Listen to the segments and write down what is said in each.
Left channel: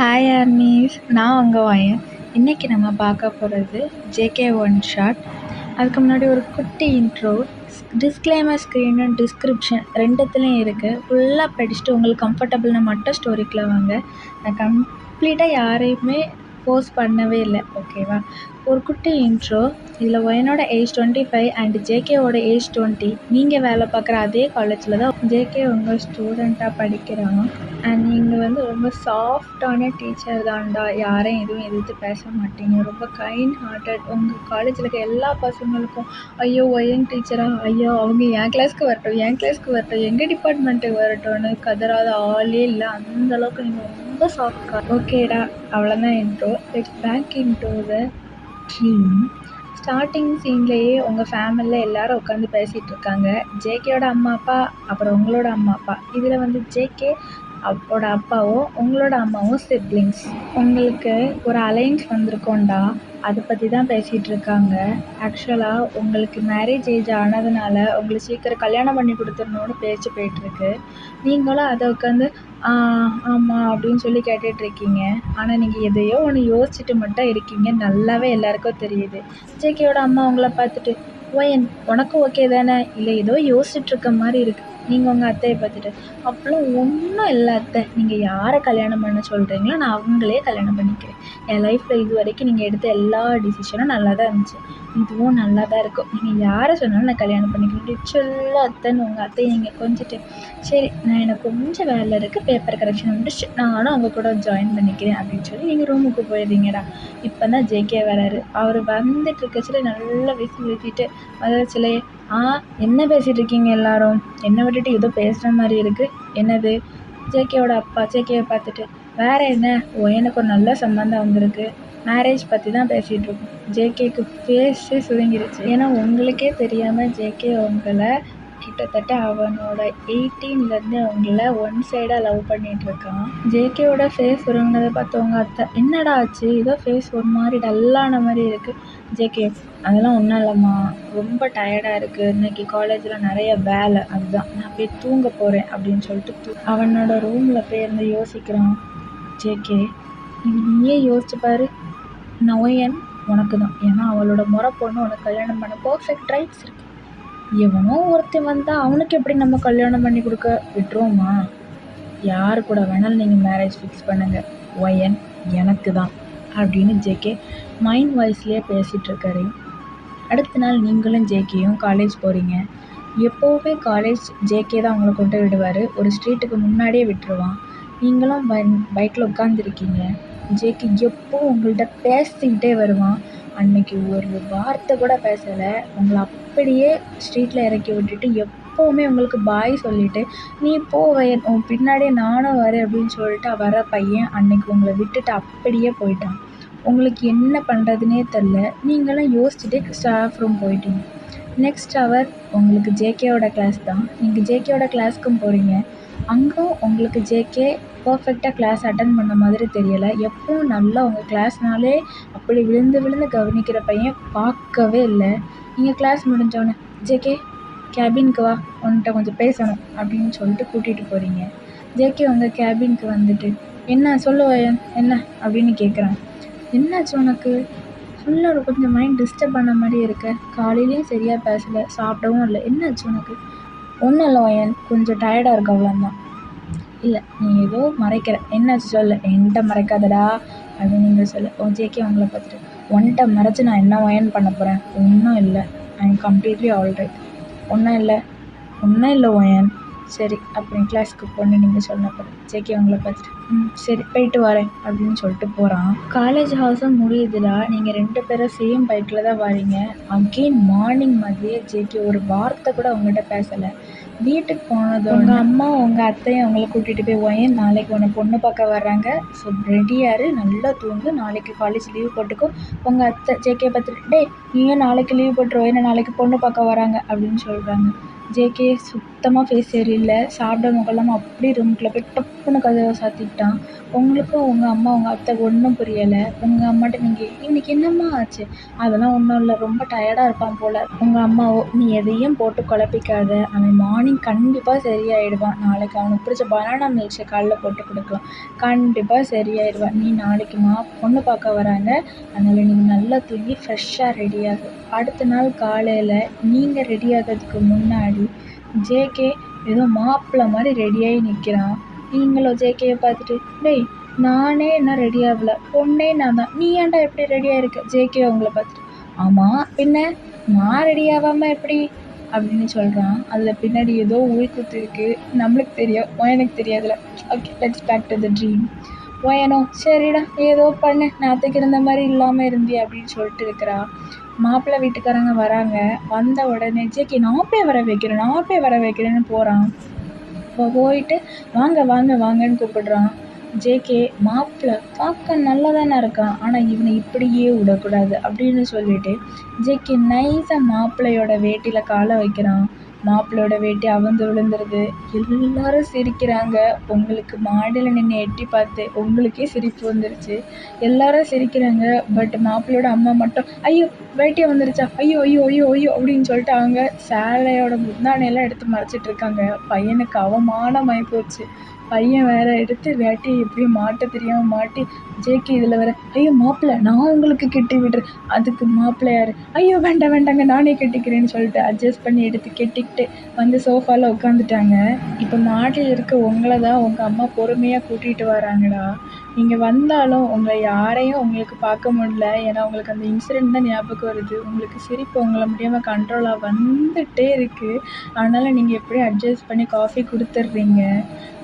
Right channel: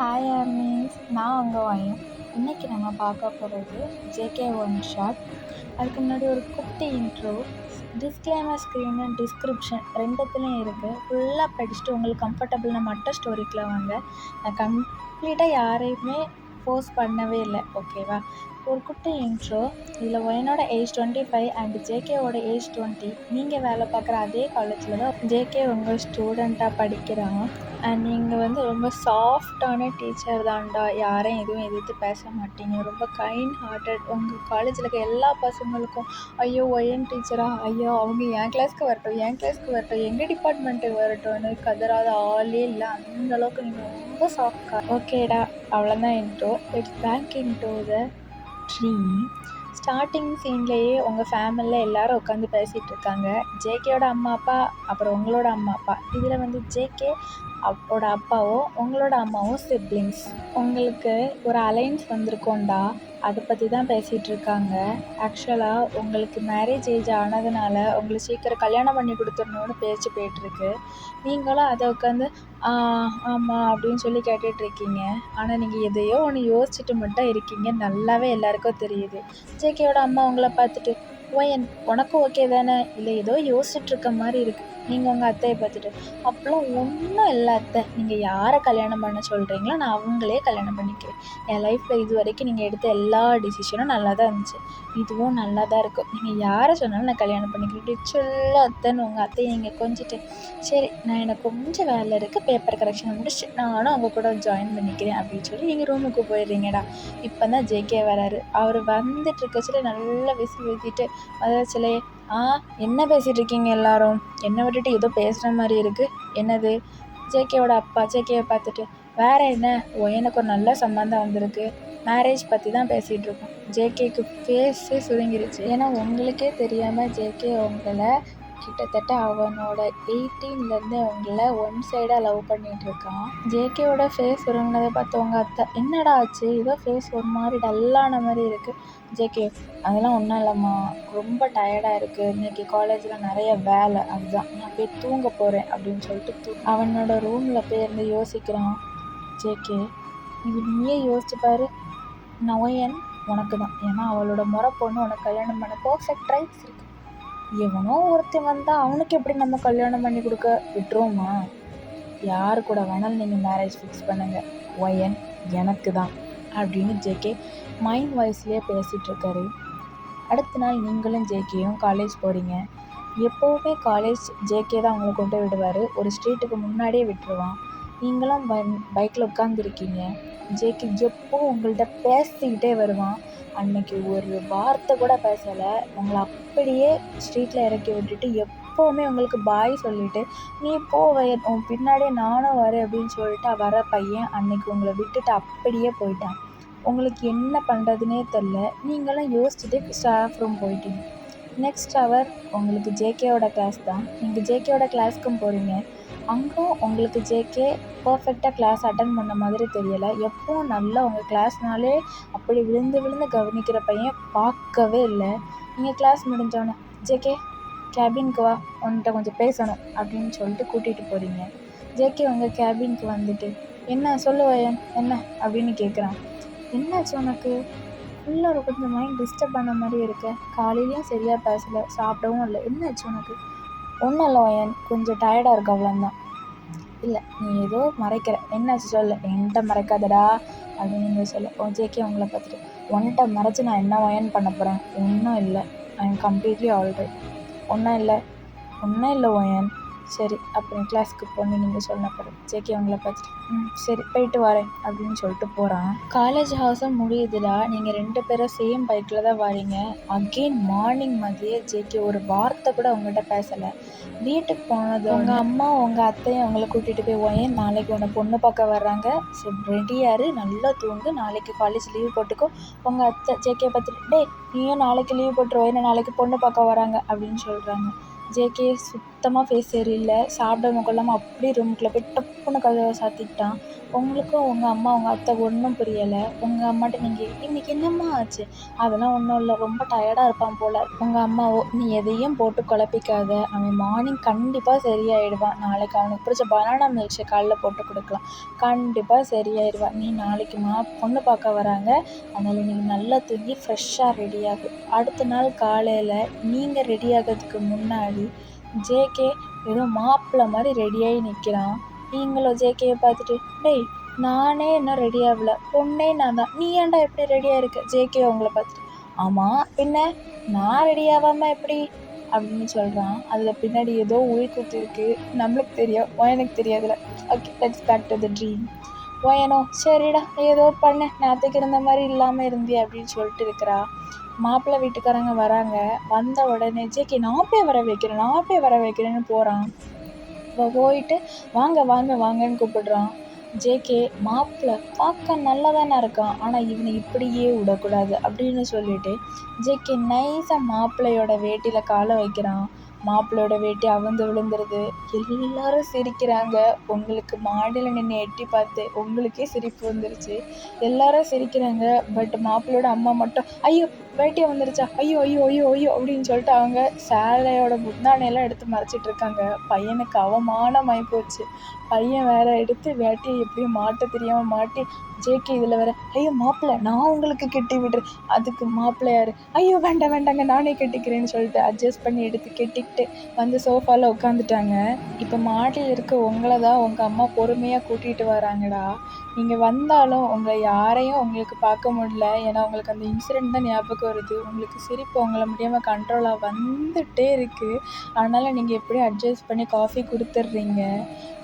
Hi armies, நான் உங்கள் வயன். இன்றைக்கி நம்ம பார்க்க போகிறது ஜேகே ஒன் ஷாட். அதுக்கு முன்னாடி ஒரு குட்டி இன்ட்ரோ, டிஸ்க்ளைமர் ஸ்க்ரீனு டிஸ்கிரிப்ஷன் ரெண்டுத்துலேயும் இருக்குது. ஃபுல்லாக படிச்சுட்டு உங்களுக்கு கம்ஃபர்டபுள்னா மட்டும் ஸ்டோரிக்குள்ளே வாங்க. நான் கம்ப்ளீட்டாக யாரையுமே ஃபோர்ஸ் பண்ணவே இல்லை, ஓகேவா? ஒரு குட்டி இன்ட்ரோ. இதில் ஒயனோட ஏஜ் 25 அண்ட் ஜேகேவோட ஏஜ் 20. நீங்கள் வேலை பார்க்குற அதே காலேஜில் தான் ஜேகே உங்கள் ஸ்டூடெண்ட்டாக படிக்கிறாங்க. அண்ட் நீங்கள் ரொம்ப சாஃப்டான டீச்சர் தான்டா, யாரையும் எதுவும் எதிர்த்து பேச மாட்டீங்க, ரொம்ப கைண்ட் ஹார்ட்டட். உங்கள் காலேஜில் இருக்க எல்லா பசங்களுக்கும் ஐயோ ஒயன் டீச்சரா, ஐயோ அவங்க என் கிளாஸ்க்கு வரட்டும், எங்கள் டிபார்ட்மெண்ட்டுக்கு வரட்டும்னு கதறாத ஆளே இல்லை. அந்தளவுக்கு நீங்கள் ரொம்ப சாஃப்ட். ஓகேடா, அவ்வளோதான் intro. It's back into the dream. Starting சீன்லேயே உங்கள் ஃபேமிலியில் எல்லோரும் உட்காந்து பேசிகிட்டு இருக்காங்க. ஜேகேயோட அம்மா அப்பா, அப்புறம் உங்களோட அம்மா அப்பா. இதில் ஜேகே அப்போட அப்பாவும் உங்களோட அம்மாவும் சிப்ளிங்ஸ். உங்களுக்கு ஒரு அலைன்ஸ் வந்திருக்கோண்டா, அதை பற்றி தான் பேசிகிட்டு இருக்காங்க. ஆக்சுவலாக உங்களுக்கு மேரேஜ் ஏஜ் ஆனதுனால உங்களுக்கு சீக்கிரம் கல்யாணம் பண்ணி கொடுத்துடணுன்னு பேச்சு போயிட்டுருக்கு. நீங்களும் அதை உட்காந்து ஆமாம் அப்படின்னு சொல்லி கேட்டுட்ருக்கீங்க. ஆனால் நீங்கள் எதையோ ஒன்று யோசிச்சுட்டு மட்டும் இருக்கீங்க, நல்லாவே எல்லாருக்கும் தெரியுது. ஜேகேயோட அம்மா உங்களை பார்த்துட்டு, ஒயன் உனக்கு ஓகே தானே, இல்லை ஏதோ யோசிச்சுட்ருக்க மாதிரி இருக்குது. நீங்கள் உங்கள் அத்தையை பார்த்துட்டு, அப்போலாம் ஒன்றும் இல்லை அத்தை, நீங்கள் யாரை கல்யாணம் பண்ண சொல்கிறீங்களோ நான் அவங்களே கல்யாணம் பண்ணிக்கிறேன். என் லைஃப்பில் இது வரைக்கும் நீங்கள் எடுத்த எல்லா டிசிஷனும் நல்லா தான் இருந்துச்சு, இதுவும் நல்லா தான் இருக்கும். நீங்கள் யாரை சொன்னாலும் நான் கல்யாணம் பண்ணிக்கிறேன். சொல்ல அத்தைன்னு உங்கள் அத்தையை நீங்கள் கொஞ்சிட்டு, சரி நான் எனக்கு கொஞ்சம் வேலை இருக்குது, பேப்பர் கரெக்ஷன் முடிச்சு நானும் அவங்க கூட ஜாயின் பண்ணிக்கிறேன் அப்படின்னு சொல்லி நீங்கள் ரூமுக்கு போயிடுறீங்கடா. இப்போ தான் ஜேகே வராரு. அவர் வந்துட்டு இருக்கச்சில நல்லா விசில் ஊற்றிட்டு வளர்ச்சிலே, என்ன பேசிகிட்டு இருக்கீங்க எல்லாரும், என்னை விட்டுட்டு ஏதோ பேசுகிற மாதிரி இருக்குது, என்னது? ஜேகேவோட அப்பா ஜேகேவை பார்த்துட்டு, வேறு என்ன, எனக்கு ஒரு நல்ல சம்பந்தம் வந்திருக்கு, மேரேஜ் பற்றி தான் பேசிகிட்டு இருக்கோம். ஜேகேக்கு ஃபேஸே சுருங்கிருச்சு. ஏன்னா உங்களுக்கே தெரியாமல் ஜேகே உங்களை கிட்டத்தட்ட அவனோட 18லேருந்து அவங்கள ஒன் சைடாக லவ் பண்ணிகிட்ருக்கான். ஜேகேவோட ஃபேஸ் சுருங்கினதை பார்த்தவங்க அத்தை, என்னடா ஆச்சு, ஏதோ ஃபேஸ் ஒரு மாதிரி டல்லான மாதிரி இருக்குது. ஜேகே, அதெல்லாம் ஒன்றும் இல்லைம்மா, ரொம்ப டயர்டாக இருக்குது, இன்றைக்கி காலேஜில் நிறைய வேலை, அதுதான் நான் போய் தூங்க போகிறேன் அப்படின்னு சொல்லிட்டு அவனோட ரூமில் போய் இருந்து யோசிக்கிறான். ஜேகே, இது நீயே யோசிச்சு பாரு, நோயன் உனக்கு தான். ஏன்னா அவளோட முறை பொண்ணு உனக்கு கல்யாணம் பண்ண பர்ஃபெக்ட் ரைட்ஸ் இருக்குது. எவனோ ஒருத்தன் வந்தால் அவனுக்கு எப்படி நம்ம கல்யாணம் பண்ணி கொடுக்க விட்டுருவோமா? யார் கூட வேணாலும் நீங்கள் மேரேஜ் ஃபிக்ஸ் பண்ணுங்கள், ஒயன் எனக்கு தான் அப்படின்னு ஜேகே மைண்ட் வாய்ஸ்லேயே பேசிகிட்ருக்காரு. அடுத்த நாள் நீங்களும் ஜேகேயும் காலேஜ் போகிறீங்க. எப்போவுமே காலேஜ் ஜேகே தான் அவங்களை கொண்டு விடுவார், ஒரு ஸ்ட்ரீட்டுக்கு முன்னாடியே விட்டுருவான். நீங்களும் பைக்கில் உட்காந்துருக்கீங்க. ஜேகே எப்போ உங்கள்கிட்ட பேசிக்கிட்டே வருவான். அன்னைக்கு ஒரு வார்த்தை கூட பேசலை, உங்களை அப்படியே ஸ்ட்ரீட்டில் இறக்கி விட்டுட்டு எப்போவுமே உங்களுக்கு பாய் சொல்லிவிட்டு, நீ போ வயன், உன் பின்னாடியே நானும் வரேன் அப்படின்னு சொல்லிட்டு வர பையன் அன்னைக்கு உங்களை விட்டுட்டு அப்படியே போயிட்டான். உங்களுக்கு என்ன பண்ணுறதுனே தெரில. நீங்களும் யோசிச்சுட்டு ஸ்டாஃப் ரூம் போயிட்டீங்க. நெக்ஸ்ட் ஹவர் உங்களுக்கு ஜேகேவோட கிளாஸ் தான். நீங்கள் ஜேகேவோட கிளாஸ்க்கும் போகிறீங்க. அங்கும் உங்களுக்கு ஜேகே பர்ஃபெக்டாக கிளாஸ் அட்டன் பண்ண மாதிரி தெரியலை. எப்பவும் நல்லா உங்கள் கிளாஸ்னாலே அப்படி விழுந்து விழுந்து கவனிக்கிற பையன் பார்க்கவே இல்லை. நீங்கள் கிளாஸ் முடிஞ்சோடனே, ஜேகே கேபினுக்கு வா, உன்கிட்ட கொஞ்சம் பேசணும் அப்படின்னு சொல்லிட்டு கூட்டிகிட்டு போகிறீங்க. ஜேகே உங்கள் கேபினுக்கு வந்துட்டு, என்ன சொல்லுவாயன், என்ன அப்படின்னு கேட்குறான். என்னாச்சு உனக்கு? ஃபுல்லாக கொஞ்சம் மைண்ட் டிஸ்டர்ப் பண்ண மாதிரி இருக்க, காலையிலையும் சரியாக பேசலை, சாப்பிடவும் இல்லை, என்னாச்சு உனக்கு? ஒன்றும் இல்லை வயன், கொஞ்சம் டயர்டாக இருக்கு, அவ்வளோந்தான். இல்லை நீ ஏதோ மறைக்கிற, என்னாச்சு சொல்லு, என்கிட்ட மறைக்காதடா அப்படின்னு நீங்கள் சொல்லு. ஜேகே உங்களை பார்த்துட்டு, ஒன்கிட்ட மறைச்சி நான் என்ன வயன் பண்ண போகிறேன்? ஒன்றும் இல்லை, ஐ எம் கம்ப்ளீட்லி ஆல்ரைட். ஒன்றும் இல்லை வயன், சரி அப்புறம் கிளாஸ்க்கு போன்னு நீங்கள் சொன்னப்போ ஜேகே உங்களை பார்த்துட்டு, சரி போயிட்டு வரேன் அப்படின்னு சொல்லிட்டு போகிறான். காலேஜ் ஹவுஸும் முடியுதுடா, நீங்கள் 2 பேரும் சேம் பைக்கில் தான் வரீங்க. அகெயின் மார்னிங் மாதிரியே ஜேகே ஒரு வார்த்தை கூட உங்கள்கிட்ட பேசலை. வீட்டுக்கு போனது உங்கள் அம்மா உங்கள் அத்தையும் அவங்கள கூட்டிகிட்டு போய், ஒயன் நாளைக்கு உன்னை பொண்ணு பார்க்க வர்றாங்க, ஸோ ரெடியாரு, நல்லா தூங்கு, நாளைக்கு காலேஜ் லீவ் போட்டுக்கோ. உங்கள் அத்தை ஜேகே பார்த்துட்டு, டே நீயும் நாளைக்கு லீவ் போட்டுருவோம், ஏன்னா நாளைக்கு பொண்ணு பார்க்க வராங்க அப்படின்னு சொல்கிறாங்க. ஜேகே சுத்தமாக ஃபேஸ் சரியில்லை, சாப்பிட முகலாமல் அப்படியே ரூமுக்குள்ளே போய் டப்புன்னு கதவை சாத்திக்கிட்டான். உங்களுக்கும் உங்கள் அம்மா உங்கள் அத்தை ஒன்றும் புரியலை. உங்கள் அம்மாட்ட நீங்கள் இன்றைக்கி என்னம்மா ஆச்சு? அதெல்லாம் ஒன்றும் இல்லை, ரொம்ப டயர்டாக இருப்பான் போல். உங்கள் அம்மாவோ நீ எதையும் போட்டு குழப்பிக்காத, அவன் மார்னிங் கண்டிப்பாக சரியாயிடுவான். நாளைக்கு அவனுக்கு பிடிச்ச பனானா மில்க் ஷேக் காலையில் போட்டு கொடுக்கலாம், கண்டிப்பாக சரியாயிடுவான். நீ நாளைக்குமா பொண்ணு பார்க்க வராங்க, அதனால் நீ நல்லா தூங்கி ஃப்ரெஷ்ஷாக ரெடியாகு. அடுத்த நாள் காலையில் நீங்கள் ரெடி ஆகிறதுக்கு முன்னாடி ஜேகே ஏதோ மாப்பிள்ளை மாதிரி ரெடியாகி நிற்கிறான். நீங்களும் ஜேகேயை பார்த்துட்டு டேய் நானே இன்னும் ரெடி ஆகல, பொண்ணே நான் தான், நீ ஏன்டா எப்படி ரெடியாக இருக்க? ஜேகே அவங்கள பார்த்துட்டு ஆமாம் பின்ன நான் ரெடி ஆகாமல் எப்படி அப்படின்னு சொல்கிறான். அதில் பின்னாடி ஏதோ உள்குத்து இருக்குது, நம்மளுக்கு தெரியும், எனக்கு தெரியாதுல. Okay, let's back to the dream. ஓயனோ சரிடா ஏதோ பண்ணு, நேற்றுக்கு இருந்த மாதிரி இல்லாமல் இருந்தி அப்படின்னு சொல்லிட்டு இருக்கிறா. மாப்பிள்ளை வீட்டுக்காரங்க வராங்க. வந்த உடனே ஜேகே நான் போய் வர வைக்கிறேன்னு போகிறான். போயிட்டு வாங்க வாங்க வாங்கன்னு கூப்பிடுறான். ஜேகே மாப்பிள்ளை பார்க்க நல்லா தானே இருக்கான், ஆனால் இவனை இப்படியே விடக்கூடாது அப்படின்னு சொல்லிட்டு ஜேகே நைஸாக மாப்பிள்ளையோட வேட்டியில் காலை வைக்கிறான். மாப்பிள்ளையோட வேட்டி அவுந்து விழுந்துருது. எல்லாரும் சிரிக்கிறாங்க. உங்களுக்கு மாடியில் நின்று எட்டி பார்த்து உங்களுக்கே சிரிப்பு வந்துருச்சு. எல்லாரும் சிரிக்கிறாங்க. பட் மாப்பிள்ளையோட அம்மா மட்டும் ஐயோ வேட்டியை வந்துருச்சா, ஐயோ ஐயோ ஐயோ ஐயோ அப்படின்னு சொல்லிட்டு அவங்க சேலையோட முந்தானையெல்லாம் எடுத்து மறைச்சிட்டு இருக்காங்க. பையனுக்கு அவமானமாகி போச்சு. பையன் வேற எடுத்து வேட்டி எப்படியும் மாட்ட தெரியாமல் மாட்டி ஜேகே இதில் வேற ஐயோ மாப்பிள்ளை நான் உங்களுக்கு கெட்டி விடுறேன். அதுக்கு மாப்பிள்ளை யார் ஐயோ வேண்டாங்க நானே கெட்டிக்கிறேன்னு சொல்லிட்டு அட்ஜஸ்ட் பண்ணி எடுத்து கெட்டிக்கிட்டு வந்து சோஃபாவில் உட்காந்துட்டாங்க. இப்போ மாடியில் இருக்க உங்களை தான் உங்கள் அம்மா பொறுமையாக கூட்டிகிட்டு வராங்கடா. நீங்கள் வந்தாலும் உங்களை யாரையும் உங்களுக்கு பார்க்க முடியல, ஏன்னா உங்களுக்கு அந்த இன்சிடெண்ட் தான் ஞாபகம் வருது. உங்களுக்கு சிரிப்பு உங்களை முடியாமல் கண்ட்ரோலாக வந்துகிட்டே இருக்குது. அதனால் நீங்கள் எப்படியும் அட்ஜஸ்ட் பண்ணி காஃபி கொடுத்துட்றீங்க.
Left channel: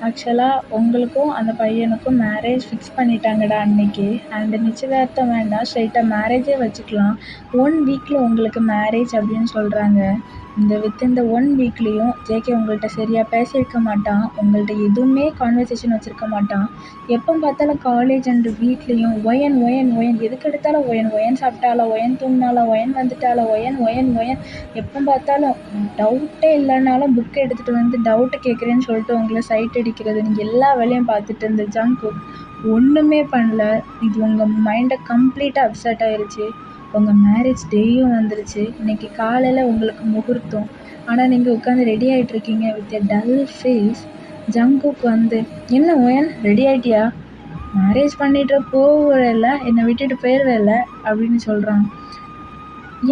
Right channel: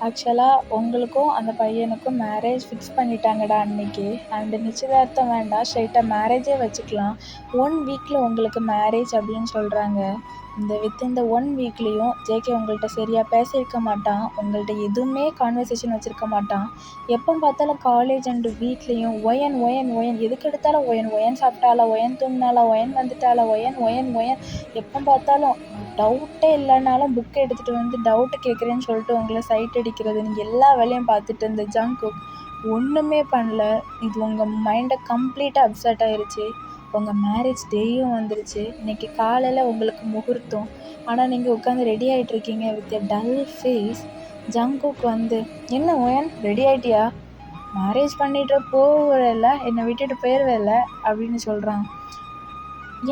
ஆக்சுவலாக உங்களுக்கும் அந்த பையனுக்கும் மேரேஜ் ஃபிக்ஸ் பண்ணிட்டாங்கடா அன்னைக்கு. அண்ட் நிச்சயதார்த்தம் வேண்டாம், ஸ்ட்ரைட்டாக மேரேஜே வச்சுக்கலாம். 1 வீக்கில் உங்களுக்கு மேரேஜ் அப்படின்னு சொல்கிறாங்க. வித்தின் த 1 வீக்லேயும் ஜேகே உங்கள்கிட்ட சரியாக பேசியிருக்க மாட்டான், உங்கள்கிட்ட எதுவுமே கான்வர்சேஷன் வச்சுருக்க மாட்டான். எப்போ பார்த்தாலும் காலேஜ் அண்டு வீட்லேயும் ஒயன் எதுக்கு எடுத்தாலும் ஒயன் சாப்பிட்டாலா, ஒயன் தூங்கினாலா, ஒயன் வந்துட்டாலா, ஒயன் எப்போ பார்த்தாலும் டவுட்டே இல்லைனாலும் புக்கை எடுத்துகிட்டு வந்து டவுட்டு கேட்குறேன்னு சொல்லிட்டு உங்களை சைட் அடிக்கிறது. நீங்கள் எல்லா வேலையும் பார்த்துட்டு இருந்த ஜங்குக் ஒன்றுமே பண்ணல. இது உங்கள் மைண்டை கம்ப்ளீட்டாக அப்செட் ஆயிடுச்சு. உங்கள் மேரேஜ் டேயும் வந்துருச்சு. இன்றைக்கி காலையில் உங்களுக்கு முகூர்த்தம், ஆனால் நீங்கள் உட்காந்து ரெடி ஆகிட்ருக்கீங்க with a dull face. Jungkook வந்து என்ன ஓயன் ரெடி ஆகிட்டியா, மேரேஜ் பண்ணிட்டு போகிறல்ல, என்னை விட்டுட்டு போயிடுவேல்ல அப்படின்னு சொல்கிறான்.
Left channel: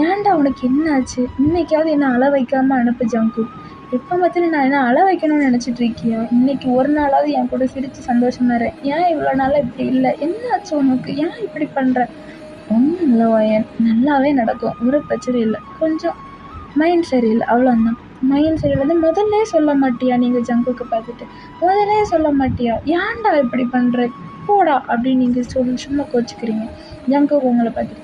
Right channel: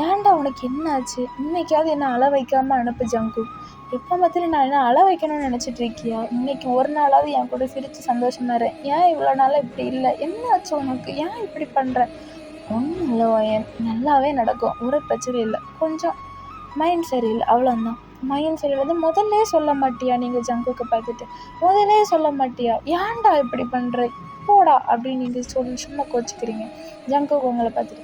ஏன்டா உனக்கு என்ன ஆச்சு? இன்றைக்காவது என்ன அழ வைக்காமல் அனுப்பு ஜங்குக். எப்போ பார்த்தாலும் நான் என்ன அழ வைக்கணும்னு நினச்சிட்டு இருக்கியா? இன்றைக்கி ஒரு நாளாவது என் கூட சிரித்து சந்தோஷமாக இரு. ஏன் இவ்வளோ நாளாக இப்படி இல்லை? என்ன ஆச்சு உனக்கு? ஏன் இப்படி பண்ணுற? ஒன்றும் இல்லை ஓயன், நல்லாவே நடக்கும், ஒரு பிரச்சனை இல்லை, கொஞ்சம் மைண்ட் சரியில்லை அவ்வளோந்தான். மைண்ட் சரியில்லை முதல்ல சொல்ல மாட்டியா? நீங்கள் ஜங்குக்கை பார்த்துட்டு முதல்ல சொல்ல மாட்டியா? ஏன்டா இப்படி பண்ணுற போடா அப்படின்னு நீங்கள் சும்மா கோச்சிக்கிறீங்க. ஜங்குக்கு உங்களை பார்த்துட்டு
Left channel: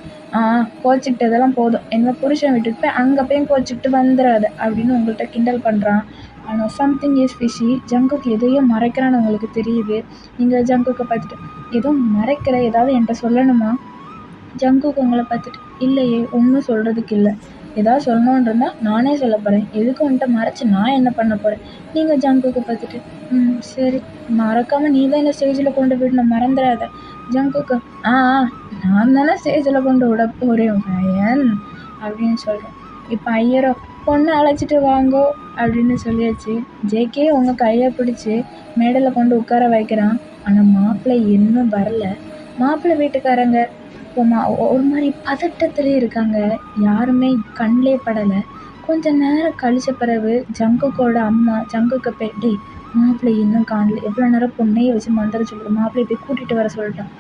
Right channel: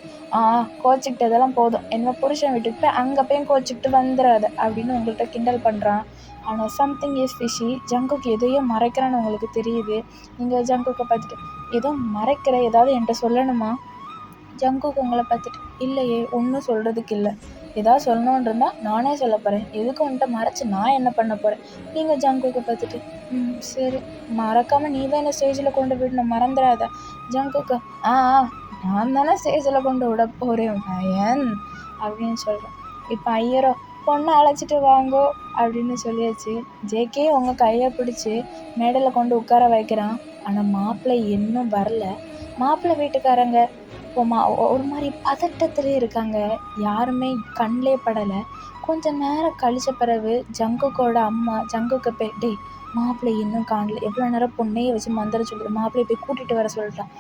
கோச்சிக்கிட்டதெல்லாம் போதும், என்ன புருஷன் விட்டுட்டு போய் அங்கே போய் கோச்சிக்கிட்டு வந்துடாது அப்படின்னு உங்கள்கிட்ட கிண்டல் பண்ணுறான். ஆனால் சம்திங் இஸ் ஃபிஷி. ஜங்குக்கு எதையும் மறைக்கிறான்னு உங்களுக்கு தெரியுது. நீங்கள் ஜங்குக்கை பார்த்துட்டு ஏதோ மறைக்கிற, ஏதாவது என்கிட்ட சொல்லணுமா? ஜங்குக்கு உங்களை பார்த்துட்டு இல்லையே ஒன்றும் சொல்கிறதுக்கு இல்லை, ஏதாவது சொல்லணுன்னு இருந்தால் நானே சொல்ல போகிறேன், எதுக்கு வந்துட்டு மறைச்சி நான் என்ன பண்ண போகிறேன்? நீங்கள் ஜங்குக்கு பார்த்துட்டு சரி மறக்காமல் நீ தான் என்ன ஸ்டேஜில் கொண்டு விடணும், மறந்துடாத. ஜங்குக்கு நான் தானே ஸ்டேஜில் கொண்டு விட போகிறேன் பையன் அப்படின்னு சொல்கிறேன். இப்போ ஐயரோ பொண்ணை அழைச்சிட்டு வாங்கோ அப்படின்னு சொல்லியாச்சு. ஜேகே உங்கள் கையை பிடிச்சி மேடையில் கொண்டு உட்கார வைக்கிறான். ஆனால் மாப்பிள்ளை இன்னும் வரல. மாப்பிள்ளை வீட்டுக்காரங்க ஒரு மாதிரி பதட்டத்துலேயே இருக்காங்க. யாருமே கண்ணிலே படலை. கொஞ்சம் நேரம் கழிச்ச பிறகு ஜங்குக்கோட அம்மா ஜங்குக்கை போய் டே மாப்பிள்ளை இன்னும் காணல, எவ்வளோ நேரம் பொண்ணையே வச்சு மந்திர சொல்லிட்டு மாப்பிள்ளையை போய் கூட்டிகிட்டு வர சொல்லிட்டான்.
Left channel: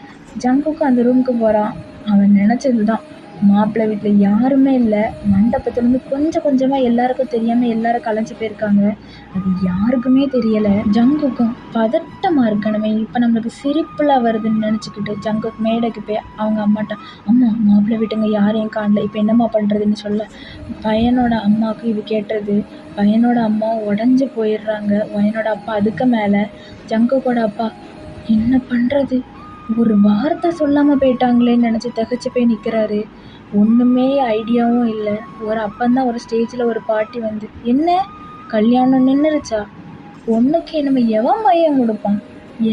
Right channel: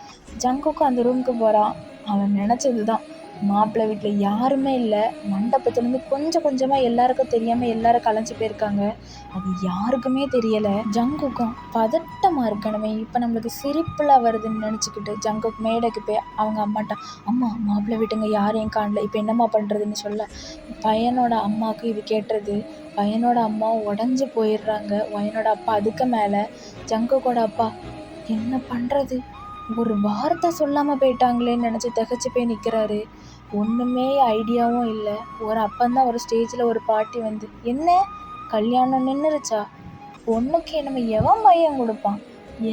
ஜங்குக்கும் அந்த ரூமுக்கு போகிறான். அவன் நினச்சது தான், மாப்பிள்ளை வீட்டில் யாருமே இல்லை. மண்டபத்துலேருந்து கொஞ்சம் கொஞ்சமாக எல்லாருக்கும் தெரியாமல் எல்லாரும் கலைஞ்சி போயிருக்காங்க. அது யாருக்குமே தெரியலை. ஜங்குக்கும் பதட்டமாக இருக்கணுமே, இப்போ நம்மளுக்கு சிரிப்புலாம் வருதுன்னு நினச்சிக்கிட்டு ஜங்குக் மேடைக்கு போய் அவங்க அம்மாட்ட அம்மா மாப்பிள்ளை வீட்டுங்க யாரையும் காணல, இப்போ என்னம்மா பண்ணுறதுன்னு சொல்ல பையனோட அம்மாவுக்கு இது கேட்டது. பையனோட அம்மா உடஞ்சி போயிடுறாங்க. பையனோட அப்பா அதுக்கு மேலே ஜங்குக்கோட அப்பா என்ன பண்ணுறது, ஒரு வார்த்தை சொல்லாமல் போயிட்டாங்களேன்னு நினச்சி திகச்சு போய் நிற்கிறாரு. ஒன்றுமே ஐடியாவும் இல்லை. ஒரு அப்பந்தான் ஒரு ஸ்டேஜில் ஒரு பாட்டி வந்து என்ன கல்யாணம் நின்றுருச்சா? பொண்ணுக்கு நம்ம எவன் பையன் கொடுப்பான்?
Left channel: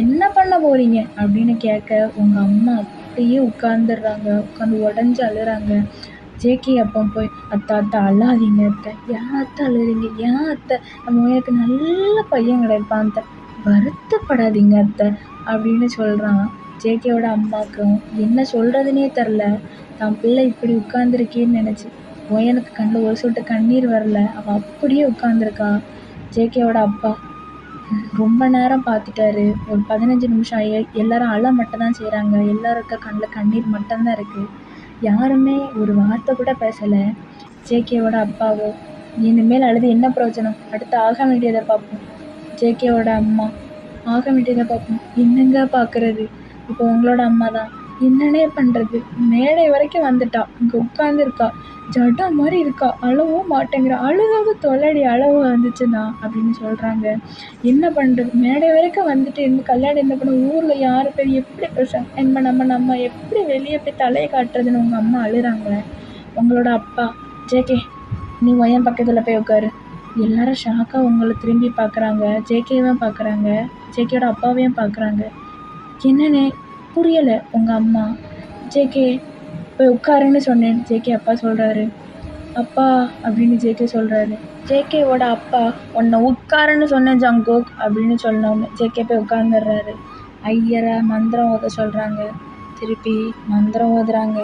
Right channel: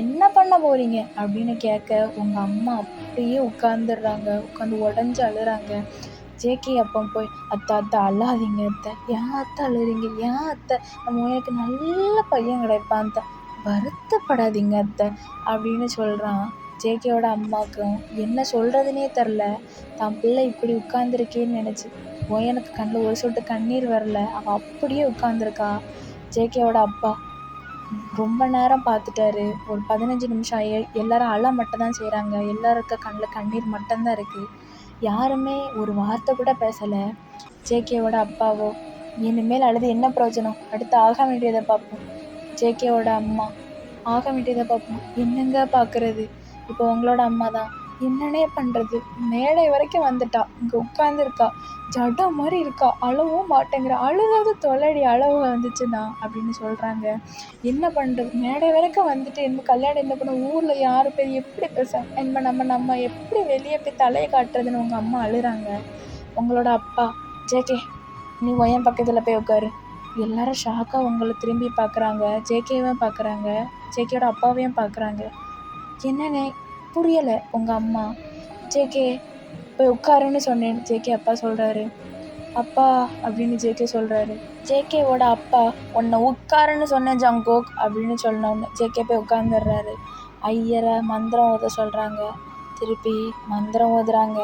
என்ன பண்ண போறீங்க அப்படின்னு கேட்க உங்கள் அம்மா அப்படியே உட்காந்துடுறாங்க. உட்காந்து உடஞ்சி அழுறாங்க. ஜேகே அப்போ போய் அத்தை அத்தை அழாதீங்க அத்தை, ஏன் அத்தை அழுறீங்க, ஏன் அத்தை, நம்ம எனக்கு நல்ல பையன் கிடைப்பான் அத்தை, வருத்தப்படாதீங்க அத்தை அப்படின்னு சொல்கிறான். ஜேகேவோட அம்மாவுக்கும் என்ன சொல்கிறதுனே தெரில. தான் பிள்ளை இப்படி உட்காந்துருக்கேன்னு நினச்சி ஒயனுக்கு கண்ணில் ஒரு சொட்டு கண்ணீர் வரல. அவன் அப்படியே உட்காந்துருக்கா. ஜேகேவோட அப்பா ரொம்ப நேரம் பார்த்துட்டாரு. ஒரு 15 நிமிஷம் எல்லாரும் அழ மட்டும் தான் செய்கிறாங்க. எல்லாருக்க கண்ணில் கண்ணீர் மட்டும்தான் இருக்குது. யாருமே ஒரு வார்த்தை கூட பேசலை. ஜேகேவோட அப்பாவோ இனிமேல் அழுது என்ன பிரயோஜனம், அடுத்து ஆக வேண்டியதை பார்ப்போம். ஜேகேவோட அம்மா ஆக வேண்டியதை பார்ப்போம். என்னங்க பார்க்குறது, இப்போ உங்களோட அம்மா தான், என்னன்னே பண்ணுறது, மேடை வரைக்கும் வந்துட்டா, இங்கே உட்காந்துருக்கா, ஜட்டா மாதிரி இருக்கா, அழவும் மாட்டேங்கிற, அழுகாத தொலைடி அழவு வந்துச்சுன்னா அப்படின்னு சொல்கிறாங்க. என்ன பண்ணுறது, மேடை வரைக்கும் வந்துட்டு இந்த கல்யாணம் என்ன பண்ண, ஊரில் யார் பேர் எப்படி பேசுகிறாங்க, நம்ம எப்படி வெளியே போய் தலையை காட்டுறதுன்னு உங்கள் அம்மா அழுறாங்க. உங்களோட அப்பா ஜேகே நீ ஒயன் பக்கத்தில் போய் உட்காரு. எல்லாரும் ஷாக்காக உங்களை திரும்பி பார்க்குறாங்க. ஜேகேவையும் பார்க்குறாங்க, ஜேகேயோட அப்பாவையும் பார்க்குறாங்க. என்னன்னு புரியலை உங்கள் அம்மா. ஜேகே போய் உட்காருன்னு சொன்னேன். ஜேகே அப்பா சொல்கிறாரு. அப்பா அப்படின்னு ஜேகே சொல்கிறாரு. ஜேகேவோட அப்பா உன்னை உட்காருன்னு சொன்னேன் ஜங்கோக் அப்படின்னு சொன்னோன்னு ஜேகே போய் உட்காந்துடுறாரு. ஐயரை மந்திரம் ஓத சொல்கிறாங்க. திருப்பி மந்திரம் ஓதுறாங்க.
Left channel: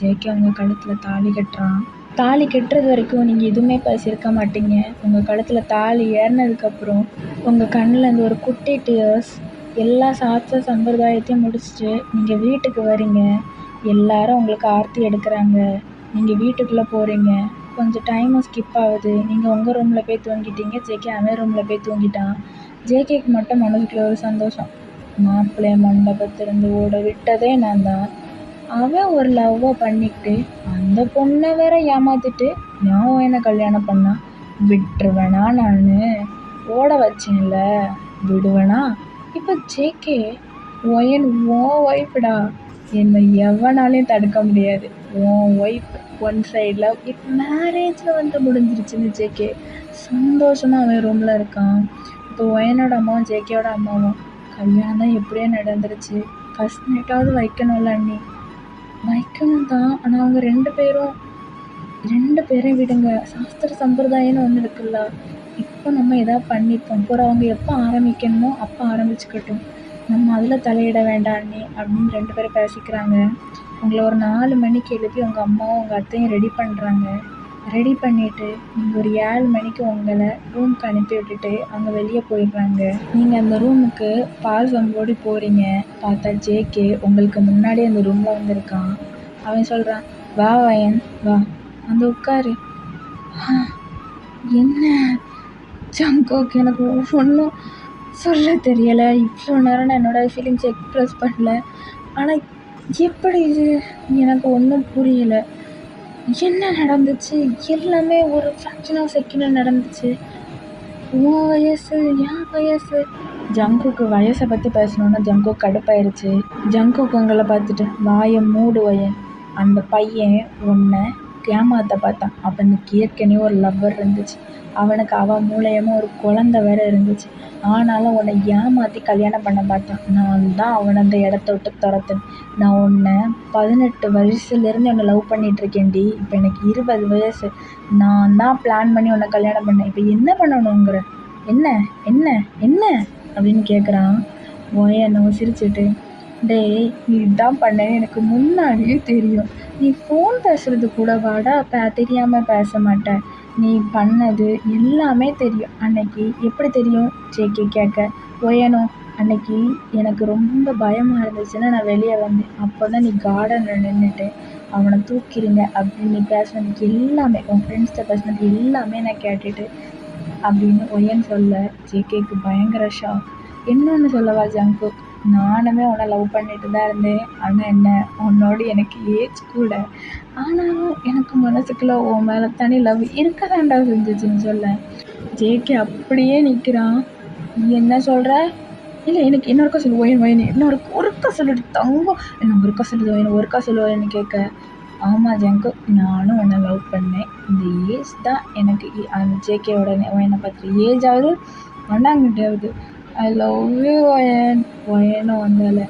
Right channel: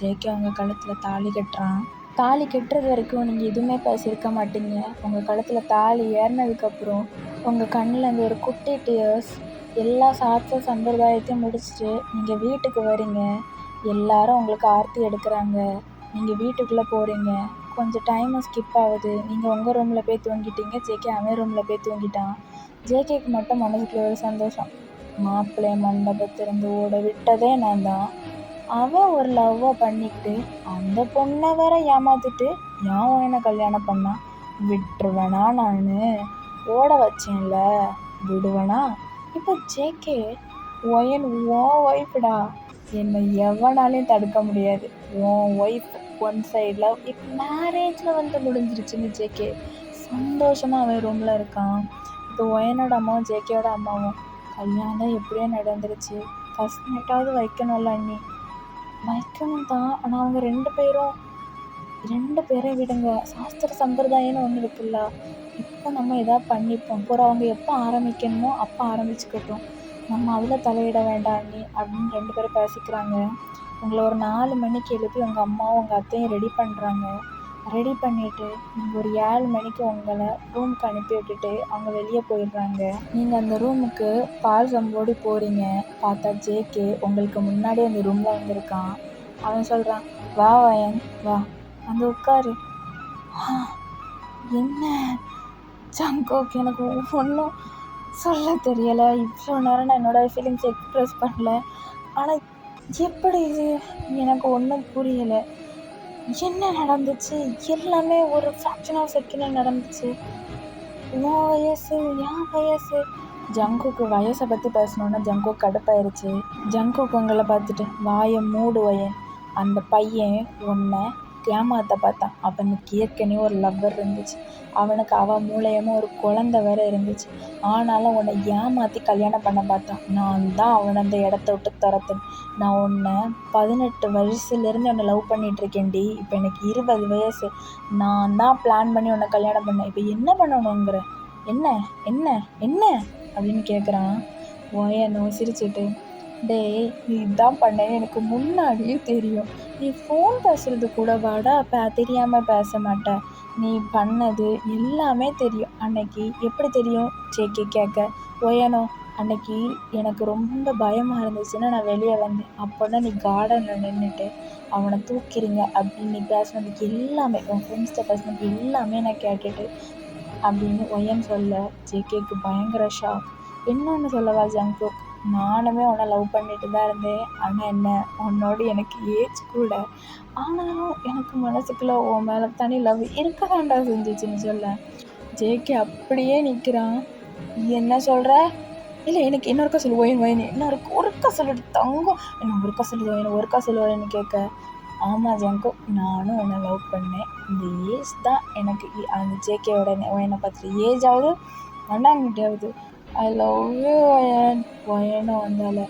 ஜேகே உங்கள் கழுத்தில் தாலி கட்டுறான். தாலி கட்டுறது வரைக்கும் நீங்கள் எதுவுமே பேசியிருக்க மாட்டீங்க. உங்கள் கழுத்தில் தாலி ஏறினதுக்கப்புறம் உங்கள் கண்ணில் இருந்து ஒரு குட்டி டியர்ஸ். எல்லா சாஸ்திர சம்பிரதாயத்தையும் முடிச்சுட்டு நீங்கள் வீட்டுக்கு வரீங்க. எல்லாரும் உங்களுக்கு ஆர்த்தி எடுக்கிறாங்க. நீங்கள் வீட்டுக்குள்ளே போகிறீங்க. கொஞ்சம் டைமும் ஸ்கிப் ஆகுது. நீங்கள் உங்கள் ரூமில் போய் தூங்கிட்டீங்க. ஜேகே அவன் ரூமில் போய் தூங்கிட்டான். ஜேகேக்கு மட்டும் மனதுக்குள்ள ஒரு சந்தோஷம். மாப்பிள்ளை மண்டபத்திலிருந்து ஓட விட்டதே நான் தான். அவன் ஒரு லவ்வை பண்ணிக்கிட்டு அந்த பொண்ணை வேற ஏமாத்திட்டு ஏன் என்ன கல்யாணம் பண்ணான், விட்டுருவேனா நான், ஓட வச்சேன்ல விடுவேனா? இப்போ ஜேகே ஒயன் உன் ஒய்ஃப்டா, என்னை எவனாலையும் தடுக்க முடியாது, உன் ஒய்ஃப், ஒன் சைட் லவ், இப்போ மேரேஜில் வந்து முடிஞ்சிருச்சுன்னு ஜேகே சந்தோஷமாக அவன் ரூமில் இருக்கான். இப்போ ஒயனோட அம்மாவும் ஜேகேயோட அம்மாவும் கல்யாணம் தான் எப்படியோ நடந்துருச்சு, ஃபஸ்ட் நைட்டாவது வைக்கணும்ல அண்ணி. வைக்கணும் தான், ஆனால் அவங்க ரெண்டு பேரையும் விடுங்க, சாஸ்திர சம்பிரதாயம்னு ஒன்று இருக்குல்ல, இப்போ நம்ம எதாவது பண்ணிப்போம் அப்புறம் அவங்க எப்போ ஆரம்பிக்கணுமோ அப்போ ஆரம்பிச்சுக்கட்டும், நம்ம அதில் தலையிட வேண்டாம் அண்ணி அப்படின்னு ரெண்டு பேரும் பேசிக்கிறாங்க. உங்களை ஒரு 4 மணிக்கு எழுப்பி உங்கள் அம்மாவும் உங்கள் அத்தையும் ரெடி பண்ணுறாங்க. ரெடி பண்ணிவிட்டு நீங்கள் ஒரு 7 மணிக்கு உங்களை ரூமுக்கு அனுப்பி விட்டுட்டு அவங்க வெளியே போயிடுறாங்க. நீங்கள் அந்த ரூமுக்கு பால் சம்போடி போகிறீங்க. பார்த்தா ஜேகே உங்களுக்கு முன்னாடி அந்த ரூமில் வந்திருக்கான். அவன் சொல்கிறான், வா வயன் வா வந்து உட்காரு. என்ன ஜங்கோக், எனக்கு ஒன்றும் சொல்ல தெரியலை, இவ்வளோ நேரம் நான் என்னோடய ஃபீலிங்ஸ் எக்ஸ்ப்ரெஸ் பண்ணல, ஆனால் எப்படி இது எனக்கு ஒன்றும் புரியலை, என்ன நடந்துச்சு, எல்லாமே ஒரு ஃப்ராக்ஷன் ஆஃப் செகண்டில் நடந்துச்சு. உன் வயசு என் வயசு. ஜங்குக்கு வயசை பற்றி பேசணுன்னா ஜங்குக்கு கடுப்பாயிருச்சு. ஜங்குக்கு உங்களை பார்த்துட்டு வாயை மூடு வயன், அந்த பையன் உன்னை ஏமாற்ற பார்த்தான், அவனுக்கு ஏற்கனவே ஒரு லவ்வர் இருந்துச்சு, அவனுக்கு அவன் மூலயமா ஒரு குழந்தை வேற இருந்துச்சு, ஆனாலும் உன்னை ஏமாற்றி கல்யாணம் பண்ண பார்த்தான். நான் தான் அவனை அந்த இடத்த விட்டு துரத்தேன். நான் உன்னை 18 வயசுலேருந்து உன்னை லவ் பண்ணிகிட்ருக்கேன்டி, இப்போ எனக்கு 20 வயசு, நான் தான் பிளான் பண்ணி உன்னை கல்யாணம் பண்ணேன், இப்போ என்ன பண்ணணுங்கிற, என்ன என்ன என்ன அப்படின்னு கேட்குறான். ஓயனோ சிரிச்சுட்டு, டேய் நீ இதான் பண்ணேன்னு எனக்கு முன்னாடியே தெரியும், நீ ஃபோன் பேசுகிறது கூட வாடா தெரியாமல் பேச மாட்டேன், நீ பண்ணது எல்லாமே தெரியும். அன்னைக்கு எப்படி தெரியும் ஜேகே கேட்க, ஓயனோ அன்னைக்கு எனக்கு ரொம்ப பயமாக இருந்துச்சுன்னு நான் வெளியே வந்தேன், அப்போ தான் நீ கார்டனில் நின்றுட்டு அவனை தூக்கிடுங்க அப்படின்னு நீ பேசுனது எல்லாமே, உன் ஃப்ரெண்ட்ஸ்கிட்ட பேசுனது எல்லாமே நான் கேட்டுட்டு அப்படின்னு ஒயன் சொல்ல ஜேகேக்கு பயங்கர ஷாக். இன்னொன்று சொல்லவா ஜங்குக், நானுமே உன்னை லவ் பண்ணிட்டு தான் இருந்தேன், ஆனால் என்ன உன்னோட எனக்கு ஏஜ் கூட, ஆனாலும் எனக்கு மனசுக்குள்ளே உன் மேலே தனி லவ் இருக்க தாண்டா செஞ்சிச்சுன்னு சொல்ல ஜேகே அப்படியே நிற்கிறான். என்ன சொல்கிற, இல்லை எனக்கு இன்னொருக்கா சொல்லு ஒயன் ஒயன், ஒருக்கா சொல்லிட்டு தங்கம், என்ன ஒருக்கா சொல்லுது ஒயன், ஒருக்கா சொல்லுவேன்னு கேட்க, ஆமாம் ஜங்குக் நானும் உன்னை லவ் பண்ணேன், இந்த ஏஜ் தான் எனக்கு அந்த ஜேகேவோட ஒயனை பார்த்துட்டு ஏஜாவது வண்டாங்கிட்டாவது ஐ லவ் யூ ஒயன். ஒயனும் வந்தால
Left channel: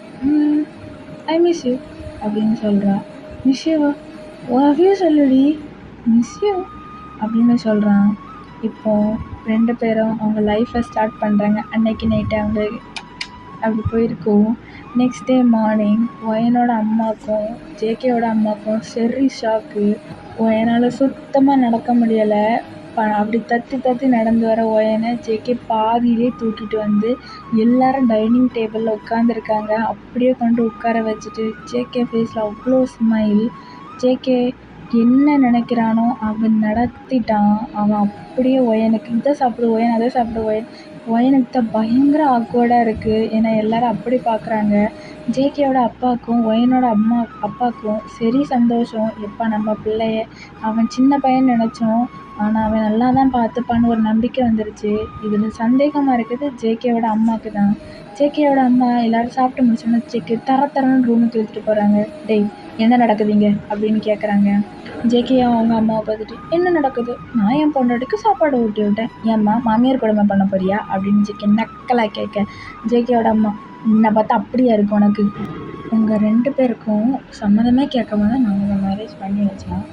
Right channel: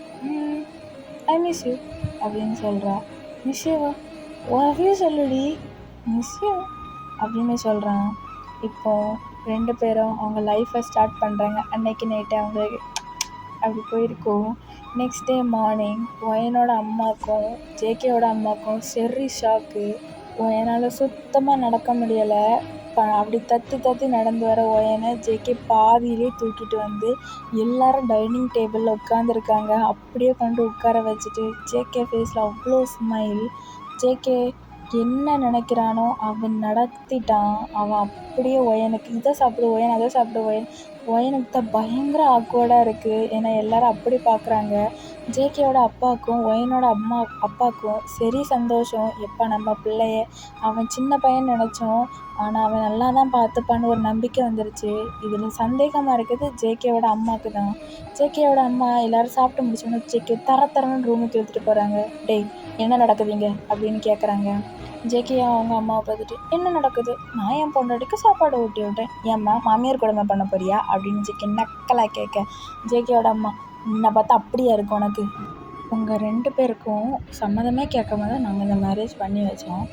ஐ மிஸ் யூ அப்படின்னு சொல்கிறா. மிஸ் யூவா லவ் யூ சொல்லுடி மிஸ் யூ அப்படின்னு சொல்கிறான். இப்போது 2 பேரும் அவங்க லைஃப்பை ஸ்டார்ட் பண்ணுறாங்க. அன்னைக்கு நைட்டு அவங்க அப்படி போயிருக்கோம். நெக்ஸ்ட் டே மார்னிங் ஒயனோட அம்மாவுக்கும் ஜேகேவோட அம்மாவுக்கும் சரி ஷாக்கு. ஒயனால் சுத்தமாக நடக்க முடியலை. அப்படி தத்தி நடந்து வர ஒயனை ஜேகே பாதியிலே தூக்கிட்டு வந்து எல்லாரும் டைனிங் டேபிளில் உட்காந்துருக்காங்க. அப்படியே கொண்டு உட்கார வச்சுட்டு ஜேகே ஃபேஸில் அவ்வளோ ஸ்மைல். ஜேகே என்ன நினைக்கிறானோ அவன் நடத்திட்டான். அவன் அப்படியே ஒயனுக்கு இதை சாப்பிடு ஒயன் அதை சாப்பிடு ஒயன். ஒயனுக்கு தான் பயங்கர ஆக்வர்டாக இருக்குது. ஏன்னா எல்லோரும் அப்படி பார்க்குறாங்க. ஜேகேயோட அப்பாவுக்கும் ஒயனோட அப்பாவுக்கும் சரி சந்தோஷம். எப்போ நம்ம பிள்ளைய அவன் சின்ன பையன் நினச்சோம், ஆனால் அவன் நல்லா தான் பார்த்துப்பான்னு ஒரு நம்பிக்கை வந்துருச்சு. இதில் சந்தேகமாக இருக்குது ஜேகேவோட அம்மாவுக்கு தான். ஜேகேயோட அம்மா எல்லோரும் சாப்பிட்டு முடிச்சோன்னு ஜேகே தரன்னு ரூமுக்கு எடுத்துகிட்டு போகிறாங்க. டேய் என்ன நடக்குதுங்க அப்படின்னு கேட்குறாங்க. ஜேகே அவங்க அம்மாவை பார்த்துட்டு என்ன நடக்குது, நான் என் பொண்டாட்டிக்கு சாப்பாடு ஊட்டி விட்டேன், ஏம்மா மாமியார் கொடுமை பண்ண போறியா அப்படின்னு ஜேகே நக்கலாக கேட்க ஜேகேயோட அம்மா என்னை பார்த்தா அப்படியா இருக்கு உனக்கு, உங்கள் 2 பேருக்கும் சம்மதமே கேட்காம தான் நாங்கள் இந்த மேரேஜ் பண்ணி வச்சோம்,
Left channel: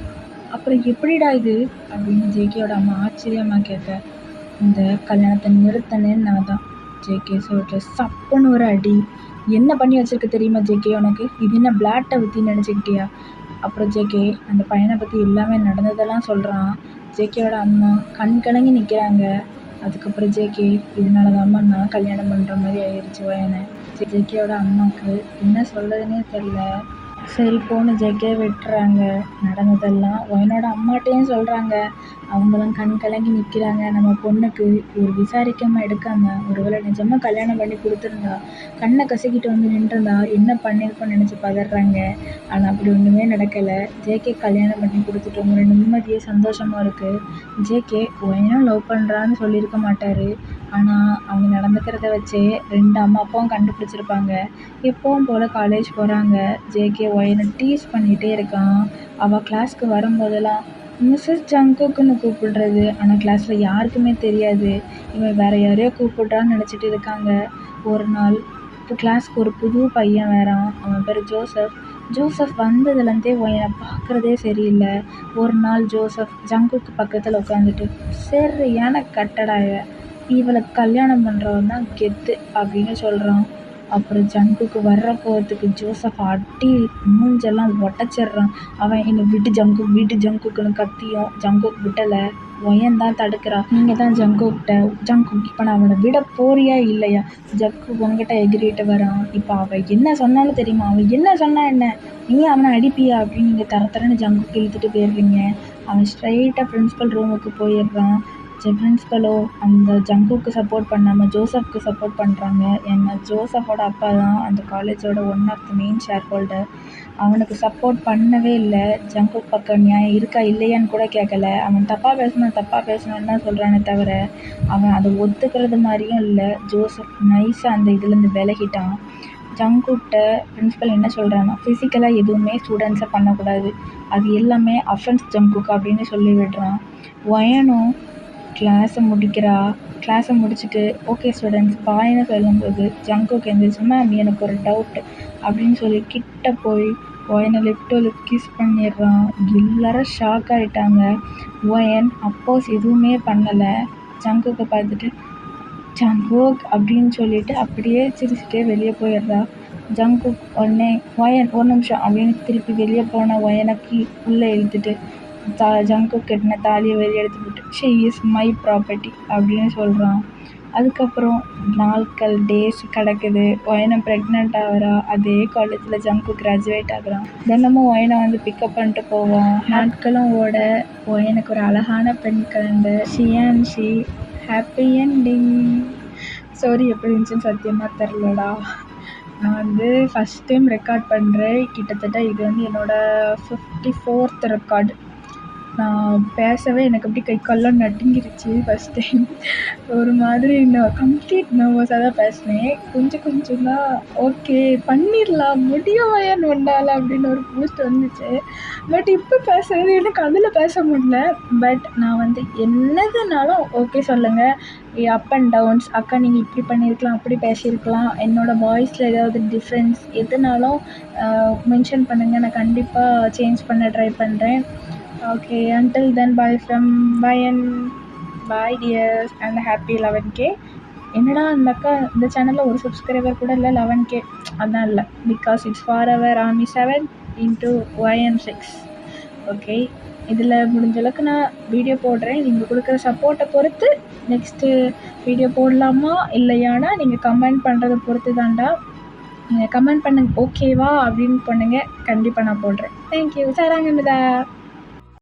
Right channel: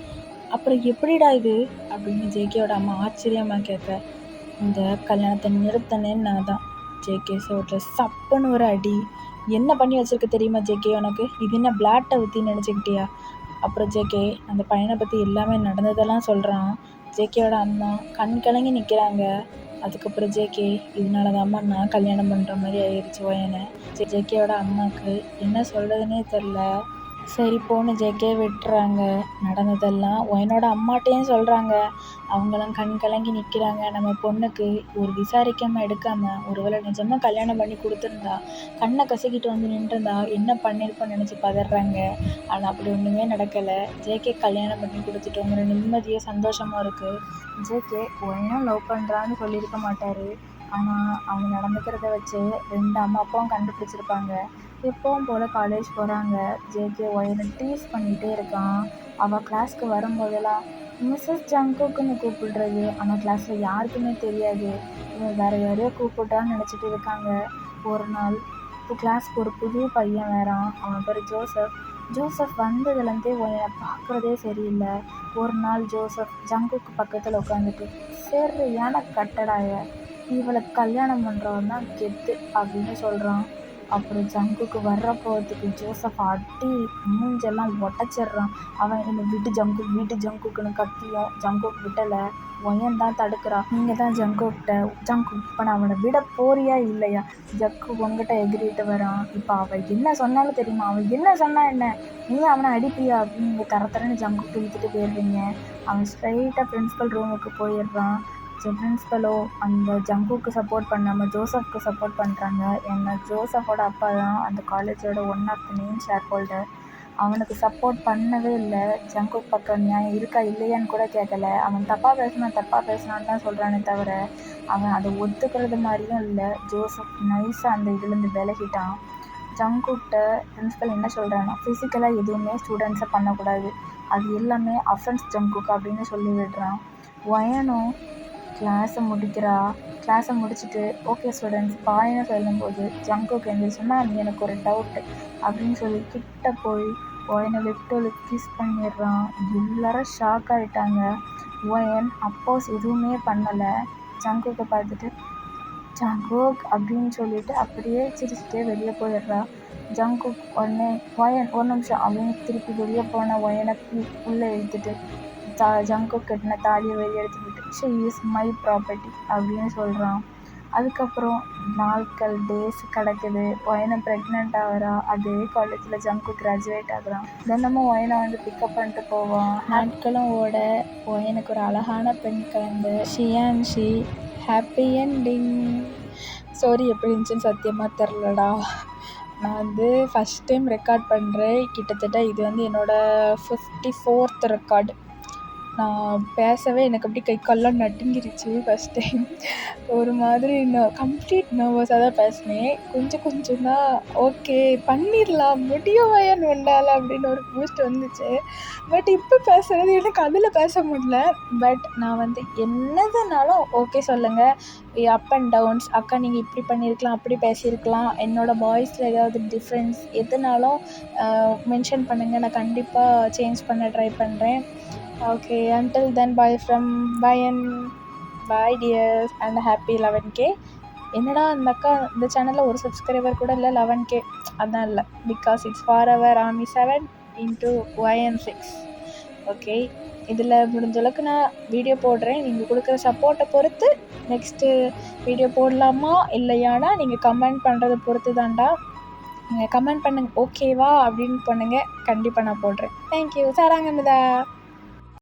அப்புறம் எப்படிடா இது அப்படின்னு ஜேகேயோட அம்மா ஆச்சரியமாக கேட்க இந்த கல்யாணத்தை நிறுத்தினேன்னு நான் தான். ஜேகே சொல்லிட்டு சப்புன்னு ஒரு அடி. என்ன பண்ணி வச்சிருக்க தெரியுமா ஜேகே உனக்கு, இது என்ன பிளாட்டை பற்றி நினச்சிக்கிட்டியா. அப்புறம் ஜேகே அந்த பையனை பற்றி எல்லாமே நடந்ததெல்லாம் சொல்கிறான். ஜேகேயோட அம்மா கண் கலங்கி நிற்கிறாங்க. அதுக்கப்புறம் ஜேகே இதனால தான் அம்மா நான் கல்யாணம் பண்ணுற மாதிரி ஆயிடுச்சு ஒயனை. ஜேகேயோட அம்மாவுக்கு என்ன சொல்கிறதுனே தெரில. சரி போன்னு ஜேகே விட்டுறாங்க. நடந்ததெல்லாம் ஒயனோட அம்மாட்டையும் சொல்கிறாங்க. அவங்களும் கண் கலங்கி நிற்கிறாங்க. நம்ம பொண்ணுக்கு ஒரு விசாரிக்காமல் எடுக்காமல் ஒருவேளை நிஜமாக கல்யாணம் பண்ணி கொடுத்துருந்தா கண்ணை கசக்கிட்டு வந்து நின்றுருந்தா என்ன பண்ணியிருக்கோன்னு நினச்சி பதறாங்க. ஆனால் அப்படி ஒன்றுமே நடக்கலை. ஜேகே கல்யாணம் பண்ணி கொடுத்துட்டு ஒரு நிம்மதியாக சந்தோஷமாக இருக்குது. ஜேகே ஒயனும் லவ் பண்ணுறான்னு சொல்லியிருக்க மாட்டார். ஆனால் அவங்க நடந்துக்கிறத வச்சே 2 அம்மா அப்பாவும் கண்டுபிடிச்சிருப்பாங்க. எப்பவும் போல் காலேஜ் போகிறாங்க. ஜேகே ஒயனை டீஸ் பண்ணிகிட்டே இருக்கான். அவள் கிளாஸ்க்கு வரும்போதெல்லாம் மிஸ்ஸஸ் ஜங்குக்குன்னு கூப்பிடுறது. ஆனால் கிளாஸில் யாருக்குமே தெரியாது இவன் வேறு யாரையோ கூப்பிட்றான்னு நினச்சிட்டு இருக்காங்க. ஒரு நாள் இப்போ கிளாஸ்க்கு ஒரு புது பையன் வரான். அவன் பேர் ஜோசப். ஜோசப் வந்ததுலேருந்தே ஒயனை பார்க்குறதே சரியில்லை. ஒரு நாள் ஜோசப் ஜங்குக்கு பக்கத்தில் உட்காந்துட்டு சரியான கட்டடாய இவளை கல்யாணம் பண்ணுறவன் தான் கெத்து அப்படின்னு சொல்கிறான். அப்புறம் ஜங்குக்கு வர்ற கோவத்துக்கு ஜோசப் அடி மூஞ்செல்லாம் உடச்சிட்றான். அவன் என்னை விட்டு ஜங்குக்குன்னு கத்தியும் ஜங்குக்கு விட்டலை. ஒயன் தான் தடுக்கிறான். நீங்கள் தான் ஜங்குக் இப்போ நான் அவனை விட போறியா இல்லையா. ஜக்கு உங்ககிட்ட எகிரிட்டு வரான். இப்போ அவள் என்ன சொன்னாலும் தெரியுமா, அவன் என்ன சொன்னா என்ன, நீ அவனை அடிப்பியா அப்படின்னு நீங்கள் தரன்னு ஜங்குக்கு இழுத்துட்டு போயிடுறீங்க. அவன் ஸ்ட்ரைட்டாக பிரின்ஸிபல் ரூமுக்கு போயிடுறான். பிரின்ஸிபலோ அந்த ஜங்குக்கு சப்போர்ட் பண்ணாமல் ஜோசப்க்கு சப்போர்ட் பண்ணுறாங்க. ஏன்னா ஜோசஃபோட அப்பா தான் அந்த காலேஜோட one of the main shareholder. அவனுக்கு சப்போர்ட் பண்ணவே இல்லை. ஜங்குக் பக்கம் நியாயம் இருக்கா இல்லையான்னு கூட கேட்கல. அவன் தப்பாக பேசணுன்னு தான் சொல்கிறானே தவிர அவன் அதை ஒத்துக்கிறது மாதிரியும் இல்லை. ஜோசப் நைஸாக அந்த இதுலேருந்து விலகிட்டான். ஜங்குக்கிட்ட பிரின்ஸிபல் என்ன சொல்கிறான்னா ஃபிசிக்கலாக எதுவுமே ஸ்டூடெண்ட்ஸை பண்ணக்கூடாது, அது எல்லாமே அஃபென்ஸ் ஜங்குக் அப்படின்னு சொல்லி விடுறான். ஒயனும் கிளாஸை முடிச்சுட்டு ஓகே ஸ்டூடெண்ட்ஸ் பாய்ன்னு சொல்லும்போது ஜங்குக்கு எந்திரிச்சு மேம் எனக்கு ஒரு டவுட் அப்படின்னு சொல்லி கிட்ட போய் ஒயனை லிப் டு லிப் கிஸ் பண்ணிடுறான். எல்லாரும் ஷாக் ஆகிட்டாங்க. ஒயன் அப்போஸ் எதுவுமே பண்ணலை. ஜங்குக்கை பார்த்துட்டு ஜங்குக் அப்படின்னு சொல்லிட்டு அப்படியே சிரிச்சுட்டே வெளியே போயிடுறா. ஜங்குக் உடனே ஒயன் ஒரு நிமிஷம் அப்படின்னு திருப்பி வெளியே போன ஒயனுக்கு உள்ளே இழுத்துட்டு ஜங்குக் கட்டின தாலியை வெளியே எடுத்துக்கிட்டு ஷீ இஸ் மை ப்ராப்பர்ட்டி அப்படின்னு சொல்கிறான். அதுக்கப்புறம் டேஸ் கிடக்குது. ஒயனை ப்ரெக்னென்ட் ஆகிறா. அதே காலேஜில் ஜங்குக் கிராஜுவேட் ஆகுறான். தினமும் ஒயனை வந்து பிக்கப் பண்ணிட்டு போவான். நாட்களும் ஓட ஒயனுக்கு ஒரு அழகான பெண் கலந்து ஷி ஹாப்பி என்டிங். ஸ்டோரி எப்படி இருந்துச்சுன்னு சத்தியமாக தெரிலடா. நான் வந்து ஃபஸ்ட் டைம் ரெக்கார்ட் பண்ணுறேன். கிட்டத்தட்ட இது வந்து என்னோடய 54th ரெக்கார்டு. நான் பேசவே எனக்கு அப்படியே கை கால்லாம் நடுங்கிருச்சு ஃபஸ்ட் டைம். ஒரு மாதிரி நான் கம்ப்ளீட் நர்வஸாக தான் பேசினேன். கொஞ்சம் தான் ஓகே பண்ணிடலாம், முடியும் உண்டால அப்படின்னு ஒரு பூஸ்ட் வந்துச்சு. பட் இப்போ பேசுகிறது எனக்கு அதில் பேச முடியல. பட் நான் வந்து என்னதுனாலும் ஓகே சொல்லுங்கள். அப் அண்ட் டவுன்ஸ், அக்கா நீங்கள் இப்படி பண்ணியிருக்கலாம், அப்படி பேசியிருக்கலாம், என்னோடய வாய்ஸில் ஏதாவது டிஃப்ரென்ஸ் எதுனாலும் மென்ஷன் பண்ணுங்கள். நான் கண்டிப்பாக சேஞ்ச் பண்ண ட்ரை பண்ணுறேன். Okay, until then, bye from Bayan. Bye dears and happy 11K. என்னடா அந்த அக்கா இந்த சேனலில் ஒரு சப்ஸ்கிரைபர் கூட இல்லை, 11K அதான் இல்லை, because it's for ever army 7 into YM6. Okay, இதில் முடிஞ்ச அளவுக்கு நான் வீடியோ போடுறேன். நீங்கள் கொடுக்குற சப்போர்ட்டை பொறுத்து நெக்ஸ்ட்டு வீடியோ போடலாமா இல்லையானா நீங்கள் கமெண்ட் பண்ணுறதை பொறுத்து தான்டா. நீங்கள் கமெண்ட் பண்ணுங்க ஓகேவா அப்படின்னு பண்ணுங்கள், கண்டிப்பாக நான் போடுறேன். தேங்க்யூ சாராங்கன்னுதா.